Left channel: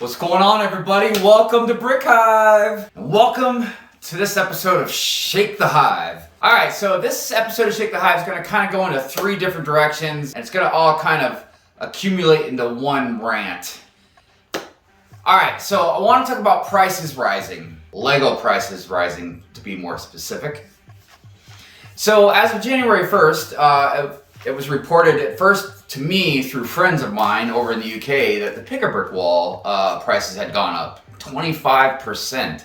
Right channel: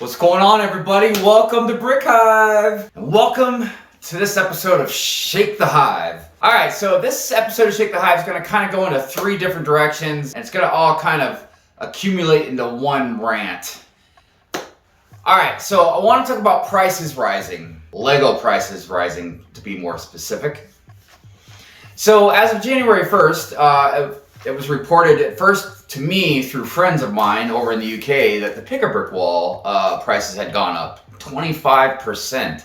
What's going on, everybody? Welcome to Brick Hive, and welcome to this episode of Shake the Hive. All right, so this episode of Shake the Hive is going to kind of go into three different directions, and it's going to all kind of accumulate into one rant. All right, so I want to talk about prices rising, Lego prices rising, to be more specific. So as of January 1st, it was reported at first to me through friends of mine over in the UK that the Pick-a-Brick wall prices had gone up 25%.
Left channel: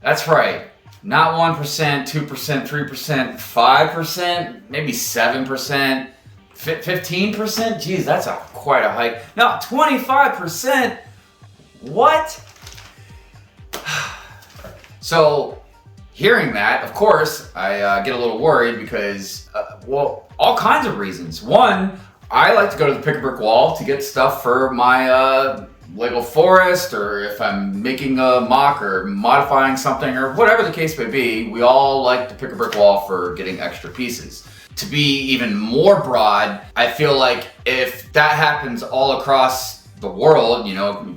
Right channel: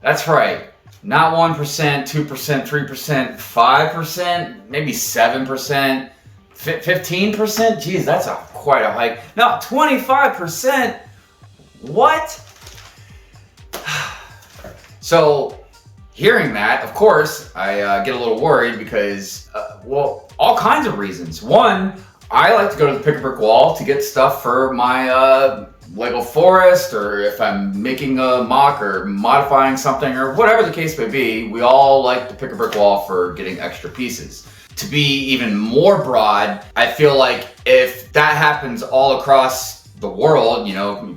That's right, not 1%, 2%, 3%, 5%, maybe 7%, 15%. Geez, that's quite a hike. No, 25%. What? So, hearing that, of course, I get a little worried because, all kinds of reasons. One, I like to go to the Pick-a-Brick wall to get stuff for my Lego forest, or if I'm making a mock or modifying something, or whatever the case may be, we all like the Pick-a-Brick wall for getting extra pieces. To be even more broad, I feel like if that happens all across the world,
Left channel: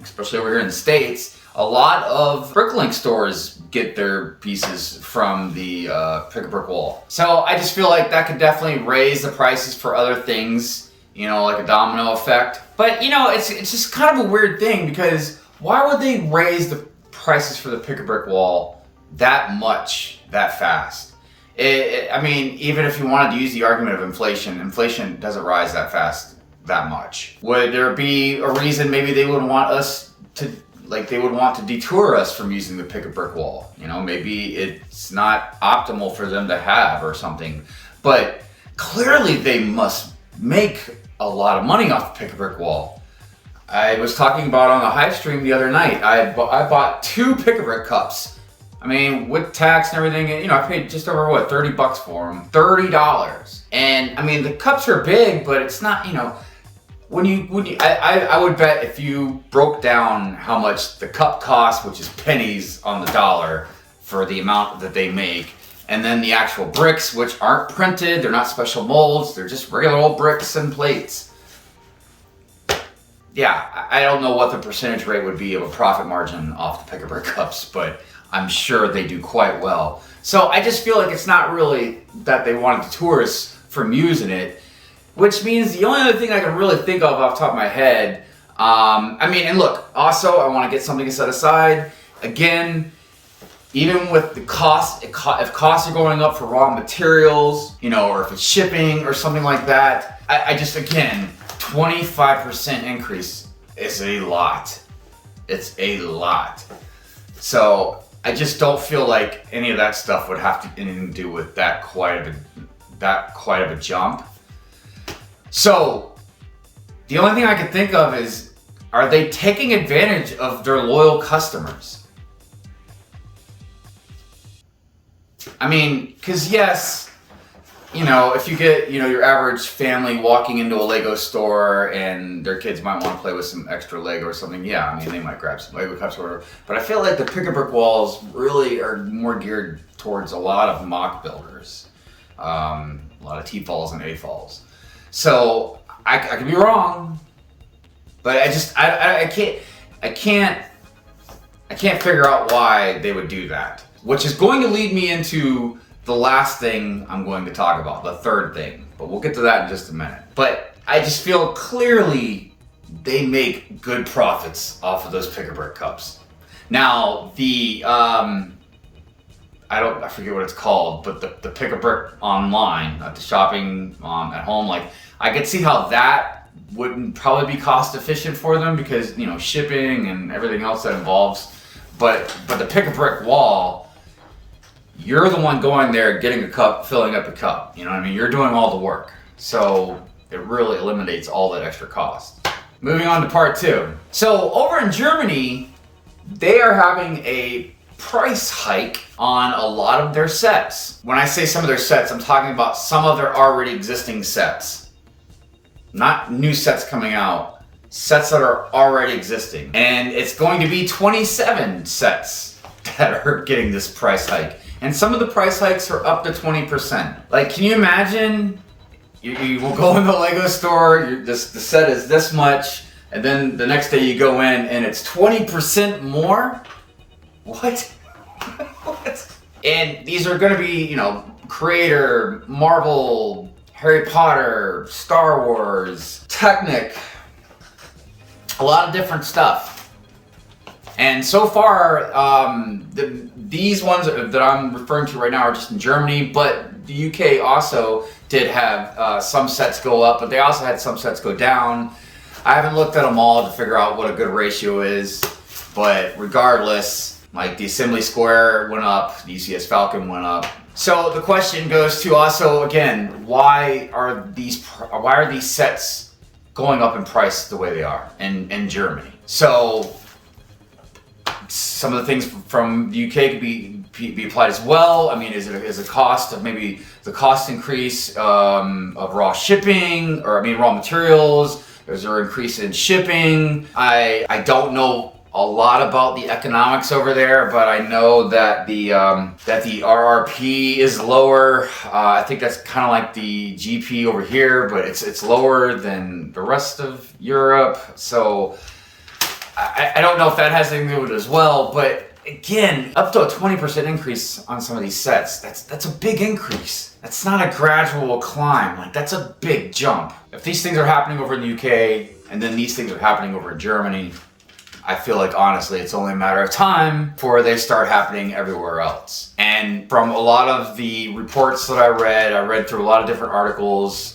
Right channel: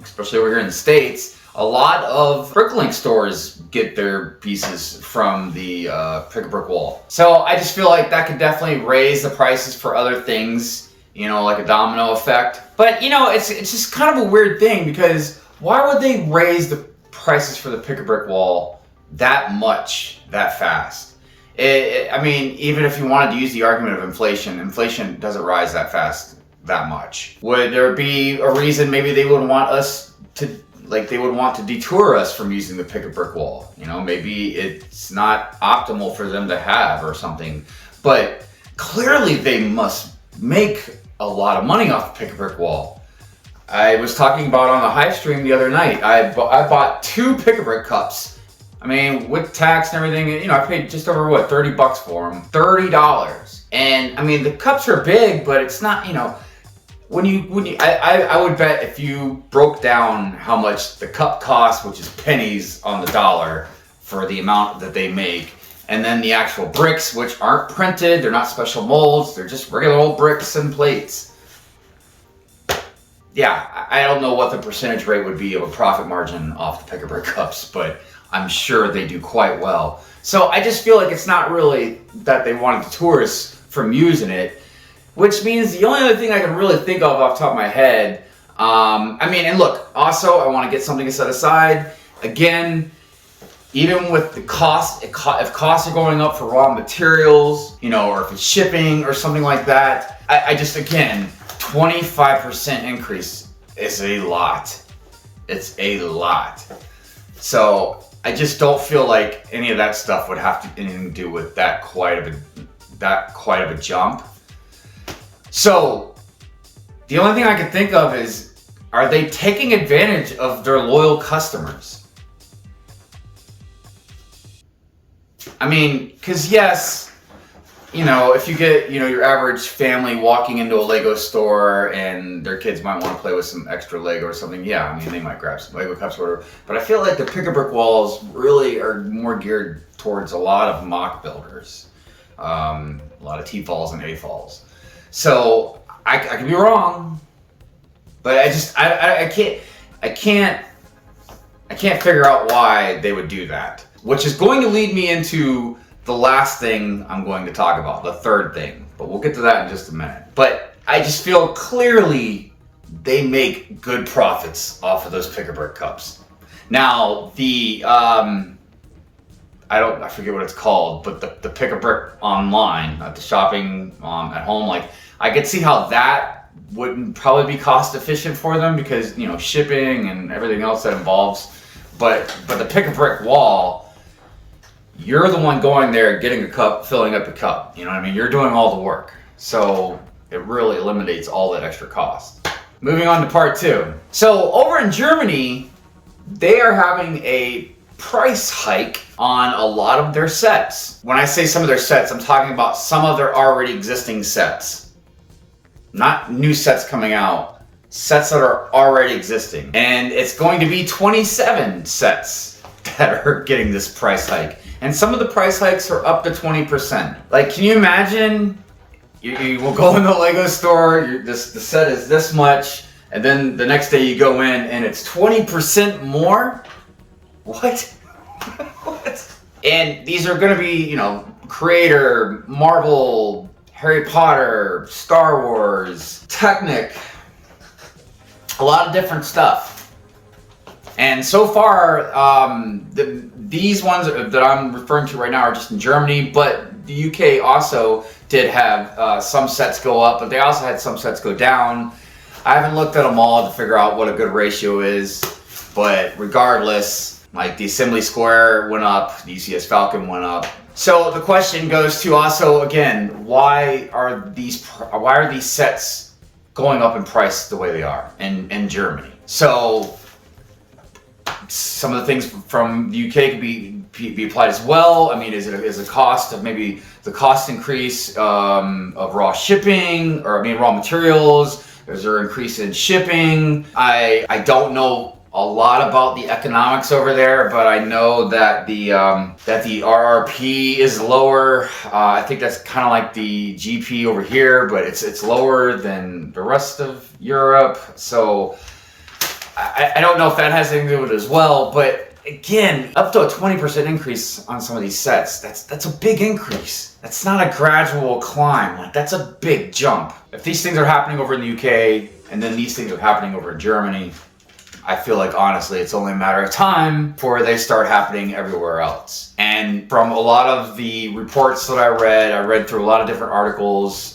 especially over here in the States, a lot of Bricklink stores get their pieces from the Pick-a-Brick wall. So I just feel like that could definitely raise the prices for other things, like a domino effect. But it's just kind of a weird thing, because why would they raise the prices for the Pick-a-Brick wall that much, that fast? I mean, even if you wanted to use the argument of inflation doesn't rise that fast, that much. Would there be a reason maybe they would want us to, they would want to detour us from using the Pick-a-Brick wall? Maybe it's not optimal for them to have or something. But clearly they must make a lot of money off the Pick-a-Brick wall. I was talking about on the Hive stream the other night, I bought 2 Pick-a-Brick cups. I mean, with tax and everything, I paid just over, $30 for them? $30. And I mean, the cups are big, but it's not, I would bet if you broke down how much the cup costs, which is pennies on the dollar for the amount that they make, and then the actual bricks, which aren't printed, they're not special molds, they're just regular old bricks and plates. Yeah, I don't know what the percentage rate would be of a profit margin off the Pick-a-Brick cups, but I'm sure they do quite well. So I just feel like it's not really that they wanted to deter us from using it, which means the only other thing I can really think of off the top of my head, and look, also I want to get something set aside. Again, even with the cost, if costs are going up for raw materials, or if it's shipping or something like that, I just, again, 25% increase is a lot. It's a lot. So I just don't feel like any of that stuff would have anything to do with that quite of a jump. So the only thing I can think of is, are they taking advantage of their loyal customers? I mean, because yes, if you get, your average family walking into a Lego store and their kids might want to play with some extra Lego or something, yeah, I mean, they might grab some Lego cups or whatever. But I feel like the Pick-a-Brick walls really are more geared towards a lot of mock builders, a lot of T-falls and A-falls. So I could be wrong, but I can't figure out why they would do that. Which is going to lead me into the last thing I'm going to talk about, the third thing. But we'll get to that in just a minute. But I just feel clearly they make good profits off of those Pick-a-Brick cups. Now, the, I forget what it's called, but the Pick-a-Brick online, the shopping at home, I could see how that wouldn't probably be cost efficient for them because, shipping and everything else that involves. But the Pick-a-Brick wall, you're the one going there, getting a cup, filling up a cup. You know what I mean? You're doing all the work. So it really eliminates all that extra cost. Moving on to part 2. So over in Germany, they are having a price hike on a lot of their sets. When I say some of their sets, I'm talking about some of their already existing sets. Not new sets coming out, sets that are already existing. And it's going to be 27 sets that are getting this price hike. And some of the price hikes are up to 20%. Can you imagine? You will go in the Lego store, the set is this much, And then the next day you go in and it's 20% more? What? What? And these are gonna be, Creator, Marvel, Harry Potter, Star Wars, Technic, a lot of different stuff. And so far, these ones that I'm referring to right now are just in Germany, but the UK also did have some sets go up, but they also had some sets go down. I haven't looked at them all to figure out what a good ratio is, but regardless, like the Assembly Square went up, the ECS Falcon went up. So the question goes to also, again, why are these sets going up in price the way they are in Germany? So some of the things from the UK could be applied as well. I mean, is a cost of maybe the cost increase of raw shipping, or raw materials? Is there an increase in shipping? I don't know a lot about the economics over there, but I know that the RRP is lower. I think that's kind of like the GP over here, but it's lower than the rest of Europe. So I don't know if that has anything to do with it as well. But again, up to a 20% increase on some of these sets, that's a big increase. That's not a gradual climb. Like, that's a big jump. If these things are happening over in the UK and then these things are happening over in Germany, I feel like honestly it's only a matter of time before they start happening everywhere else. And from a lot of the reports that I read through a lot of different articles,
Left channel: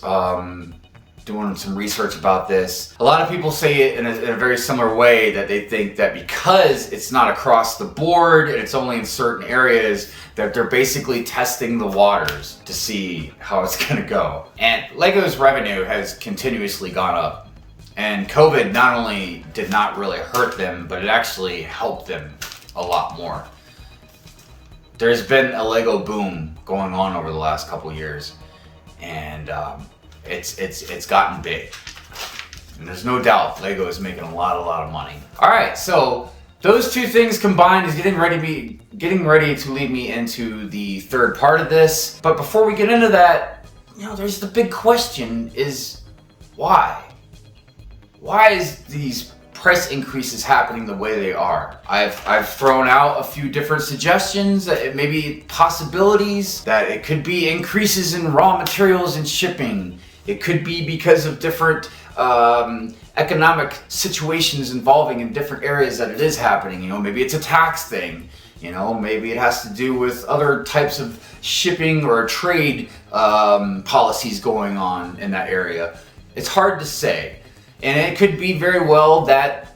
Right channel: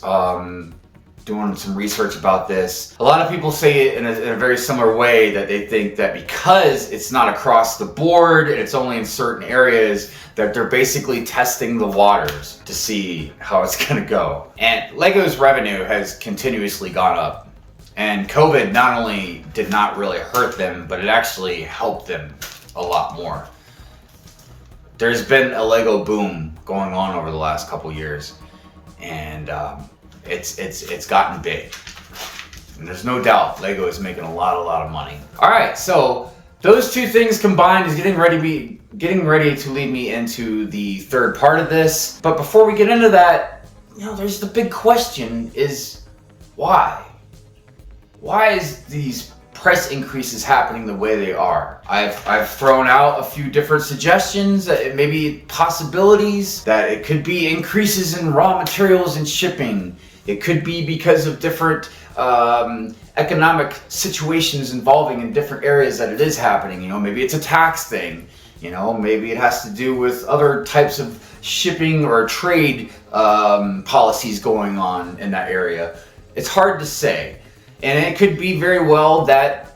doing some research about this. A lot of people say it in a very similar way, that they think that because it's not across the board and it's only in certain areas, that they're basically testing the waters to see how it's gonna go. And Lego's revenue has continuously gone up. And COVID not only did not really hurt them, but it actually helped them a lot more. There's been a Lego boom going on over the last couple years, and it's gotten big. And there's no doubt Lego is making a lot of money. All right, so those two things combined is getting ready to lead me into the third part of this. But before we get into that, there's the big question: is why? Why is these price increases happening the way they are? I've thrown out a few different suggestions, that it may be possibilities, that it could be increases in raw materials and shipping. It could be because of different economic situations involving in different areas that it is happening. Maybe it's a tax thing. Maybe it has to do with other types of shipping or trade policies going on in that area. It's hard to say. And it could be very well that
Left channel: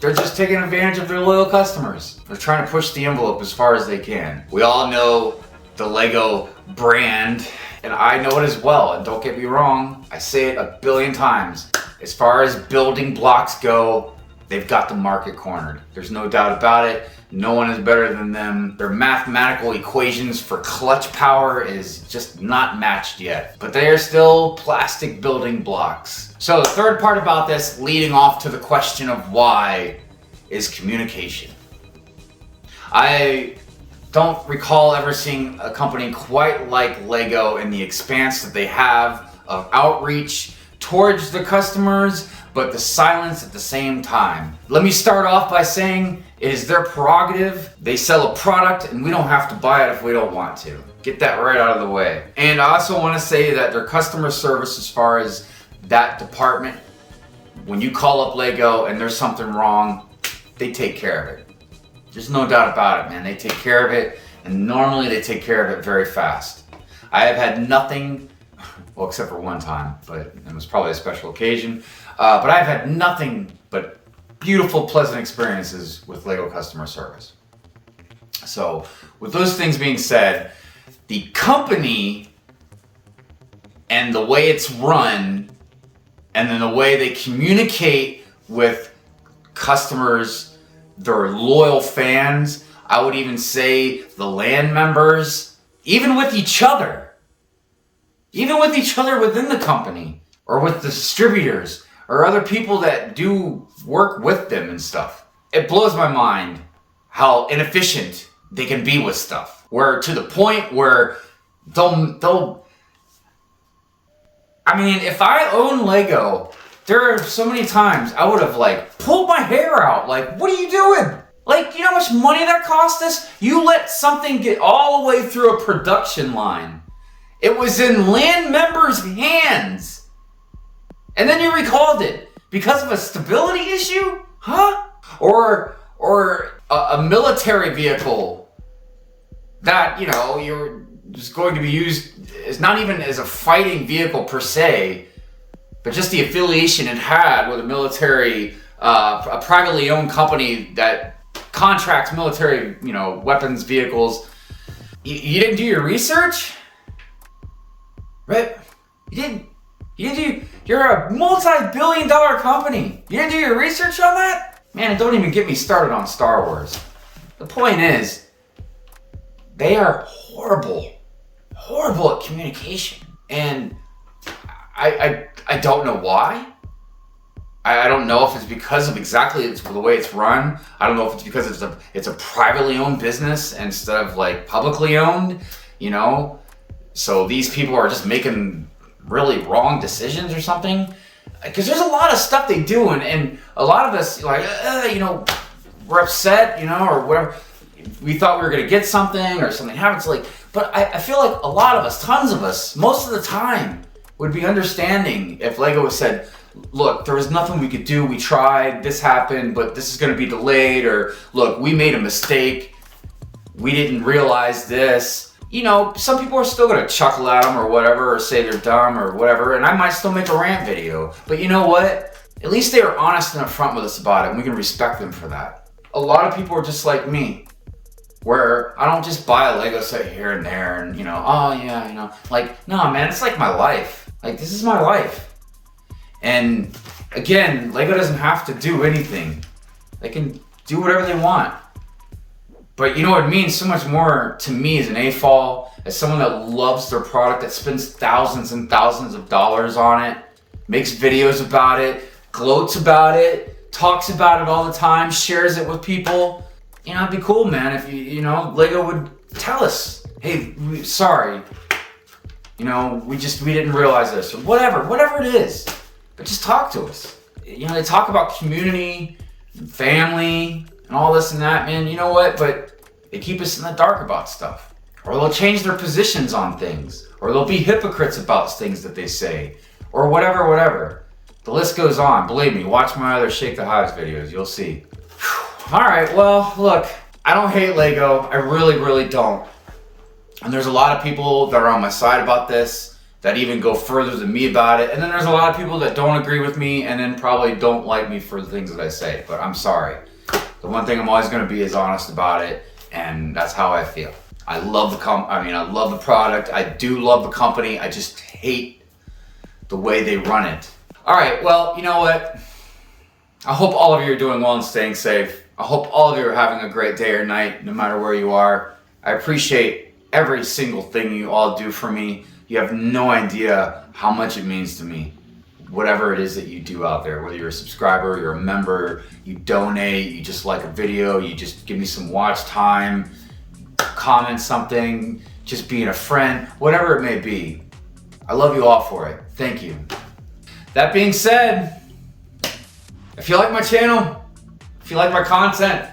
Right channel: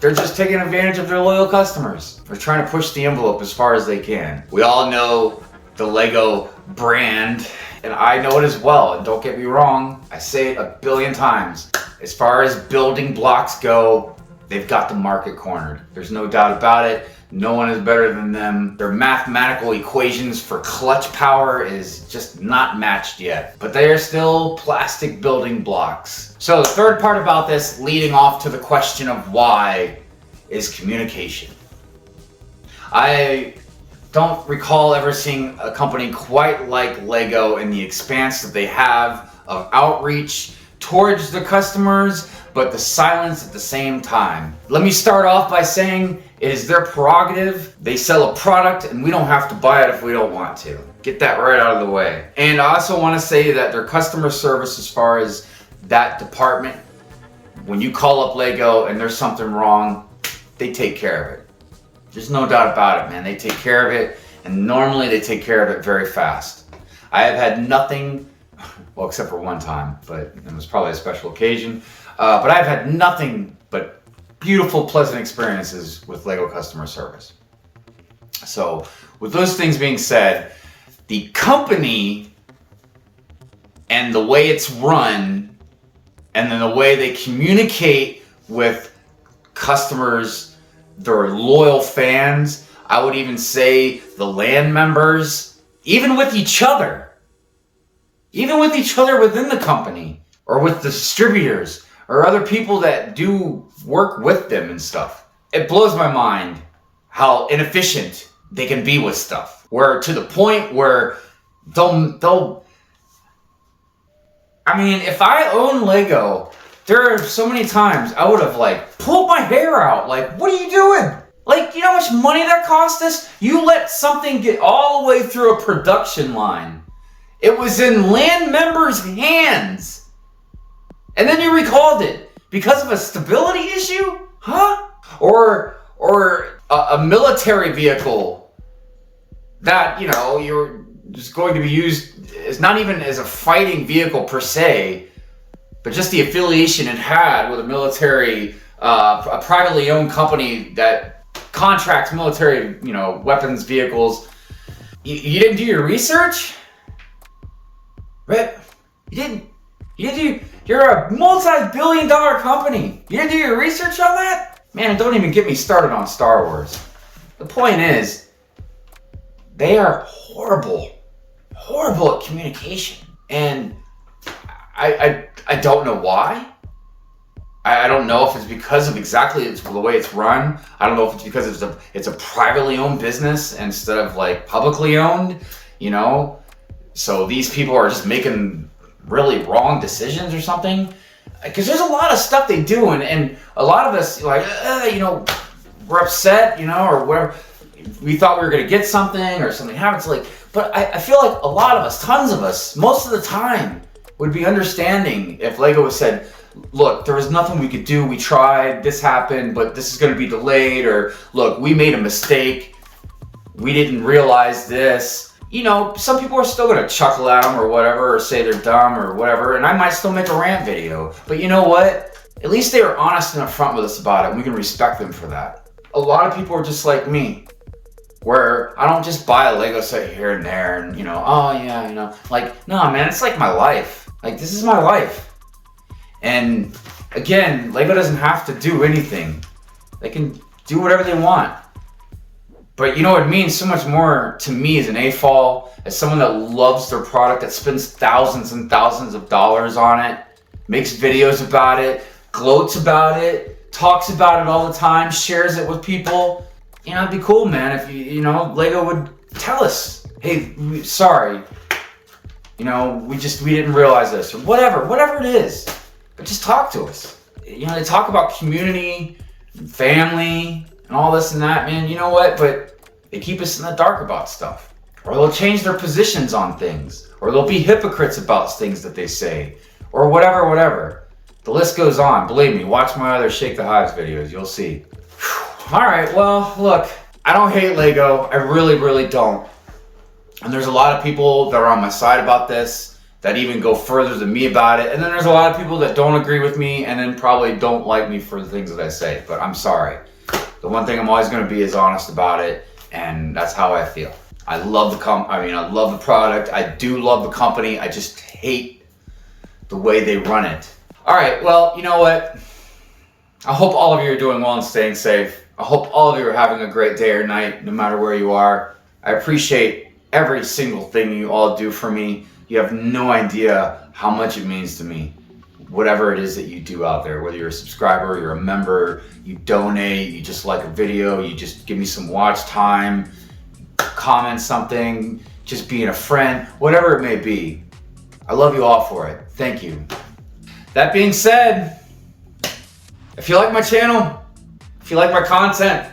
they're just taking advantage of their loyal customers. They're trying to push the envelope as far as they can. We all know the Lego brand, and I know it as well. And don't get me wrong, I say it a billion times. As far as building blocks go, they've got the market cornered. There's no doubt about it. No one is better than them. Their mathematical equations for clutch power is just not matched yet. But they are still plastic building blocks. So the third part about this, leading off to the question of why, is communication. I don't recall ever seeing a company quite like Lego in the expanse that they have of outreach towards the customers, but the silence at the same time. Let me start off by saying it is their prerogative. They sell a product and we don't have to buy it if we don't want to. Get that right out of the way. And I also want to say that their customer service, as far as that department, when you call up Lego and there's something wrong, they take care of it. There's no doubt about it, man. They take care of it, and normally they take care of it very fast. I have had nothing, well, except for one time, but it was probably a special occasion. But I've had nothing but beautiful, pleasant experiences with Lego customer service. So with those things being said, the company and the way it's run, and then the way they communicate with customers, their loyal fans, I would even say the LAN members, even with each other within the company, or with the distributors, or other people that do work with them and stuff. It blows my mind how inefficient they can be with stuff. Where to the point where they'll I mean, if I own Lego there are so many times I would have like pulled my hair out. Like, what are you doing? Like, you know how much money that cost us? You let something get all the way through a production line. It was in land members' hands. And then you recalled it because of a stability issue? Huh? Or a military vehicle that, you know, you're just going to be used as not even as a fighting vehicle per se, but just the affiliation it had with a military, a privately owned company that contracts military, you know, weapons, vehicles. You didn't do your research? Right? You're a multi-billion-dollar company. You didn't do your research on that? Man, and don't even get me started on Star Wars. The point is, they are horrible at communication. And I don't know why. I don't know if it's because of exactly the way it's run. I don't know if it's because it's a privately owned business instead of like publicly owned, you know? So these people are just making really wrong decisions or something. Because there's a lot of stuff they do, and a lot of us, like, you know, we're upset, you know, or whatever. We thought we were gonna get something or something happens. Like, but I feel like a lot of us, tons of us, most of the time would be understanding if Lego said, look, there was nothing we could do. We tried, this happened, but this is gonna be delayed, or look, we made a mistake. We didn't realize this. You know, some people are still gonna chuckle at them or whatever, or say they're dumb or whatever, and I might still make a rant video. But you know what? At least they were honest and upfront with us about it, and we can respect them for that. A lot of people are just like me, where I don't just buy a Lego set here and there and, you know, oh yeah, you know, like, no, man, it's like my life. Like, this is my life. And again, Lego doesn't have to do anything. They can do whatever they want. But you know, it means so much more to me as an AFOL, as someone that loves their product, that spends thousands and thousands of dollars on it, makes videos about it, gloats about it, talks about it all the time, shares it with people. You know, it'd be cool, man, if you know, Lego would tell us, hey, sorry, you know, we didn't realize this, or whatever it is. But just talk to us. You know, they talk about community, family, and all this and that, man. You know what? But they keep us in the dark about stuff. Or they'll change their positions on things. Or they'll be hypocrites about things that they say. Or whatever. The list goes on. Believe me, watch my other Shake the Hives videos. You'll see. Whew. All right, well, look. I don't hate Lego. I really, really don't. And there's a lot of people that are on my side about this, that even go further than me about it. And then there's a lot of people that don't agree with me and then probably don't like me for the things that I say. But I'm sorry. The one thing I'm always gonna be is honest about it, and that's how I feel. I love I love the product. I do love the company. I just hate the way they run it. All right, well, you know what? I hope all of you are doing well and staying safe. I hope all of you are having a great day or night, no matter where you are. I appreciate every single thing you all do for me. You have no idea how much it means to me. Whatever it is that you do out there, whether you're a subscriber, you're a member, you donate, you just like a video, you just give me some watch time, comment something, just being a friend, whatever it may be. I love you all for it. Thank you. That being said, if you like my channel, if you like my content,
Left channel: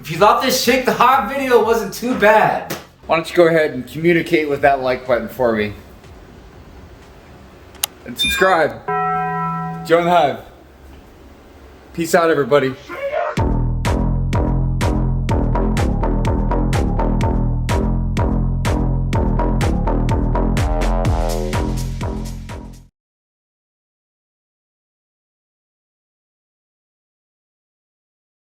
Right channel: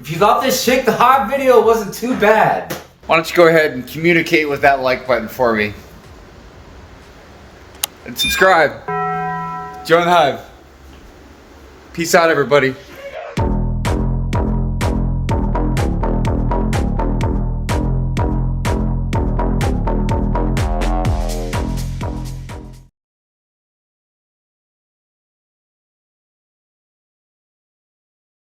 if you thought this Shake the Hive video wasn't too bad, why don't you go ahead and communicate with that like button for me. And subscribe. Join the Hive. Peace out, everybody.